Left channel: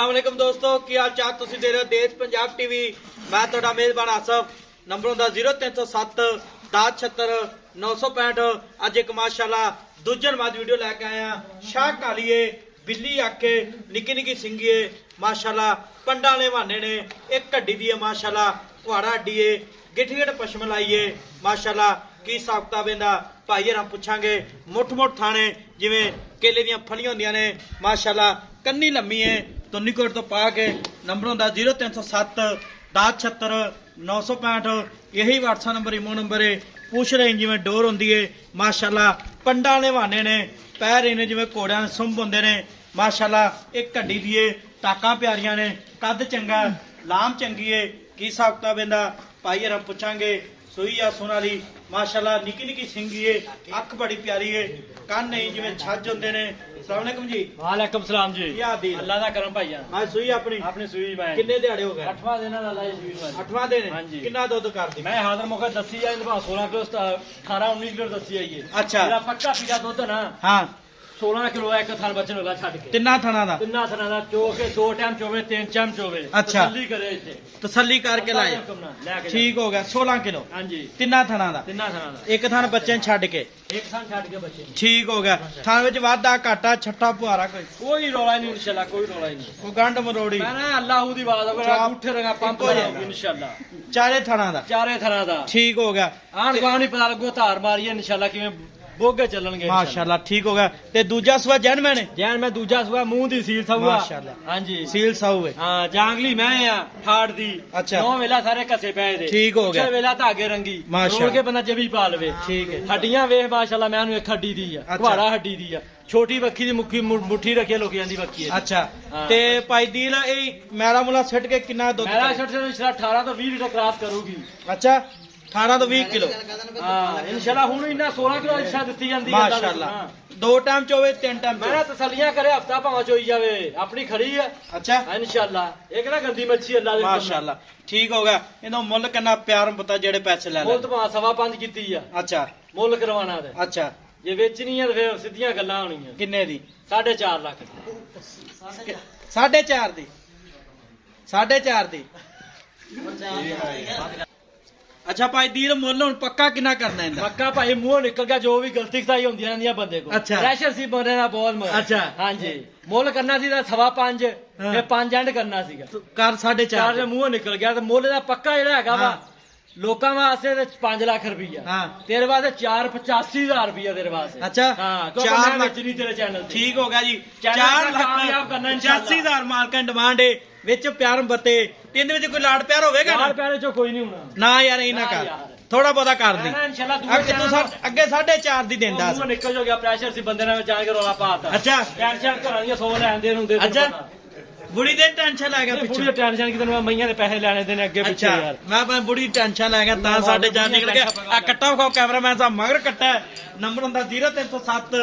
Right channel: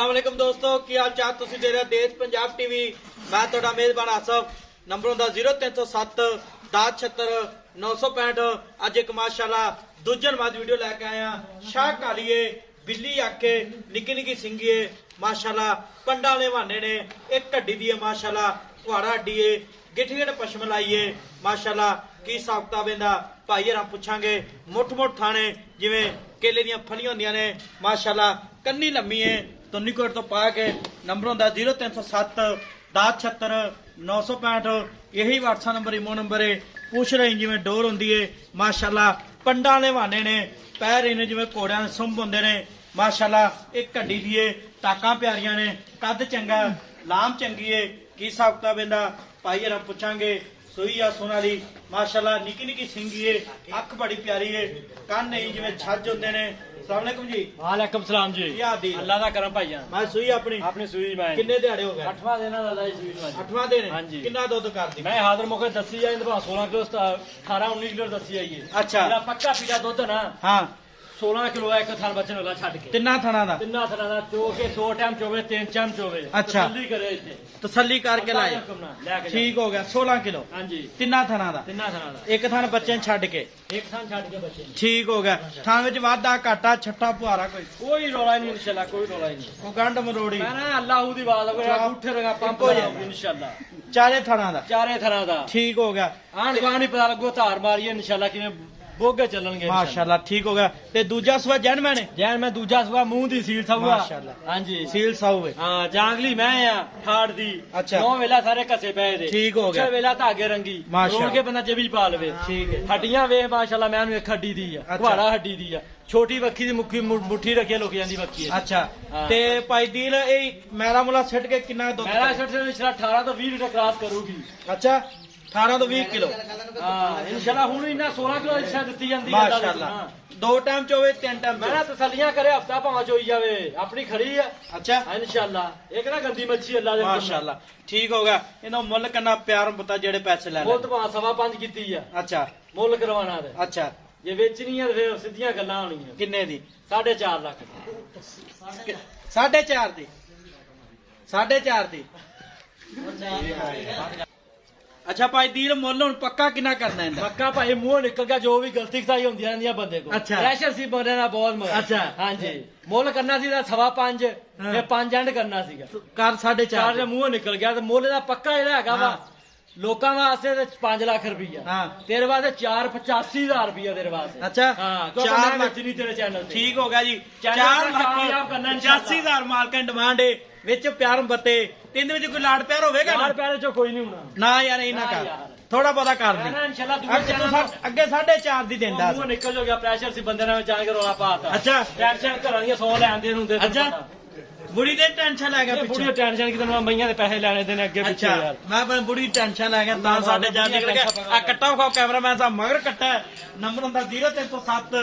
अस्सलामुअलैकुम दोस्तों की हाल चाल तुसी दे रहे हो देश पंजाब टीवी। मैं तुहाडा मेजबान आसफ। नंबर होंदा 0307 1076 965। अज एक माशाल्लाह दूजन बाद वीडियो लैके आया। शाह कालीए बिल्ली आके निकी निकी सिंघीए माशाल्लाह पंडा ने बहाने ने एक हड्डी दी है माशाल्लाह कुहाड़ा हड्डी है गिठ गिठ पशम लाइए माशाल्लाह की हिसाब किताब इहदा भाई हरां पुछांगे। मुठ मुठ थाने जिवें केले दियां फलियां होंदियां ने माशाल्लाह कन्नी लम्मी है तुन्नीकोट तो पा के। नंबर होंदा 0307 1076 965। यही व्हाट्सएप नंबर इमो नंबर है। पूछ रही जिवें डोर होंदी है माशाल्लाह पंडा ने बहाने ने पैर इन्हें जिवें घोड़ियां दे सुंभ होंदे ने माशाल्लाह एक हड्डी दी है टाकां प्यारियां ने कद चंगा लाम चंगी है की हिसाब किताब इहदा भाई हरां पुछांगे। सोई आ सोनाली माशाल्लाह निकी निकी सिंगी है अख बड़ी प्यारी है कान नहीं जिवें छज होंदे ने। अस्सलामुअलैकुम जी। वालेकुम सलाम जी। क्या हाल अल्लाह दा करम भाईया। मैं सुई अपनी सूई मैं किन्ने दिहाड़े हो गए? 8वां दिन है दादा जी सूई में। 8वां दिन हाँ जी। किन्ना दुध करदी? मैं हाजिर मौके दसी जाए 16 किलो 18 19 किलो दसी आई है। अच्छा मेरा पक्का पीड़ा दुध है ना हाँ 16 किलो एक थान बच्चे अगला छड़ के तिन्ना थणा दा तिन्ना थाना दा चो के 2 टाइम चोवे 3 टाइम चोवे। अच्छा। तसल्ली करे इथे तसल्ली करके लाए लेके ठीक हो गया 16 किलो हां जी तिन्ना थणा दा तिन्ना थाना दा एक थान बच्चे छड़ के एक थान छड़ के बच्चे ठीक हो गया। थान विच वाधा घाटा छट्टा पुआरा कोई रोला नहीं इंशाल्लाह कोई रोला नहीं कोई गंढ मरोड़ी मैं ना अल्लाह दी आवाज अगर अंगूठे रंगा पंप लगाऊंगी इंशाल्लाह चारे थाना दा चारे थाना दा ठीक हो गया। आन गांव नहीं पता लगो धार मारिए इंशाल्लाह किवें बोगे चलणगे माशाल्लाह ठीक हो गया। ते दूजा सुआ जन मैंने जैन मैं दूजा सुआ मुंह दी सील सहुआ माशाल्लाह। हां जी सील साऊ है हां जांगली मैं आ ठाड़ दी अच्छा। नौ वेला सारे कसे पए दे ठीक हो गया। छे वेला धागे रंगी माशाल्लाह। रोल के बंदा जबी पा लवे ठीक है हड्डियां वे माशाल्लाह मैं एक हड्डी दी है अच्छा। कुहाड़ा हड्डी दी है छोटी बक्खी दी मुखी मुट्ठी रखे लोग जांदी बक्खी है। अच्छा हाँ। ते भाई दीन ए मैला मुला सट के कितना दुध? मेरा शर्ट से 18 तो 20 लीटर क्रॉस करूगी। अच्छा 18 तो 20 किलो हां इंशाल्लाह हुन इन्ना 16 किलो इच्छा दित्ती जांदी है माशाल्लाह। दो टाइम चोवे तीन टाइम मैं तसलियां करे हफ्ता भाव चोई जावे अपनी खड़ी है अच्छा इंशाल्लाह एक ना गंदी मच्छी अल्लाह दे माशाल्लाह ठीक हो गया। इनो मुੱਲ कितना प्यार पता जेड़े पैसे ले मुल्ल तो 5.5 कीती है। अच्छा मुल्ल करवाना है अच्छा जे बेचनी है फिर सीधियां गल्लां होणीਆਂ किन्ने दी? 4.5 लाख 4.5 दी 4.5 दी अच्छा भाई दीन मुੱਲ ਹੁਣ पक्का कितना करना है? पक्का भाई मुंह निकल गया जो भी गलती खताई होंदी रहंदी बंदे को अच्छा। प्रेशर सी बंदे दा बहुत मगर अच्छा। हां जी मुल्ल करना सी 5.5 फिर 5 एंड करना सीगा कर 4.5 चार ਦੇ ਮੂੰਹ ਨਿਕਲ ਗਿਆ ਤੇ ਮੁੱਲ ਦਾ ਪੱਕਾ ਜਿਹੜਾ ਹੈਗਾ ਵਾ ਲੋਕਾਂ ਵਾਸਤੇ ਤੇ 5 ਲੱਖ ਰੁਪਈਆ ਹਾਂ ਤੇਰੇ ਵਾਸਤੇ 4,85,000 ਰੁਪਈਆ ਤੇਰੇ ਵਾਸਤੇ अच्छा ਹਾਂ ਕਿਉਂਕਿ चार ਮੈਂ लाख। ਵੇਚਣੀ ਤੇਰੇ ਚੈਨਲ ਤੇ ठीक हो गया जी चैनल 4 पर कामयाब करना लाख इंशाल्लाह। 85,000 मालकां डिमांड है विच प्यार बत्ते तीन विच कोई लाड़ प्यार होवेगा ਯਾਰ ਪੈਰੇ ਚੋਂ ਕੋਈ ਨਹੀਂ ਹੋਣਾ ना यार इना ना कर यार। थोड़ा बहुता कर दी ਨਾ ਇਨਸ਼ਾਅੱਲਾ ਦੂਏ ਅੱਗੇ ਚੈਨਲ ਤੋਂ ਅੱਗੇ 4.5 ਦੀ ਦਿੰਦਾ ਮੂੰਹ ਨਿਕਲ ਜੋ ਗਿਆ ਪ੍ਰੈਸ਼ਰ ਸੀ ਬੰਦੇ ਨਾਲ ਜਾਣ ਕੇ ਰੋਲਾ ਪਾਤਾ ਅੱਛਾ ਟੈਨਸ਼ਨ ਘਰਾਂ ਦੀਆਂ 100 ਲੈਣ ਦੇ ਹੁੰਦੇ ਅੱਛਾ बुढ़ी की टेंशन ले गया ਪੂਰੀ पिछे ਟੈਨਸ਼ਨ ਕਿ ਤੈਨੂੰ ਮਈਆਂ ਦੇ ਪੈਸੇ ਲੈਣੇ ਦੇ ਨੇ ਅੱਗੇ ਪਿੱਛੇ अच्छा ਯਾਰ मैं अपनी बुढ़ी टेंशन ले गया ता साढ़े जान निकल गया कट्टा खाओ कैमरामैन साहब मगर कट्टा है नंबर होंदा 0307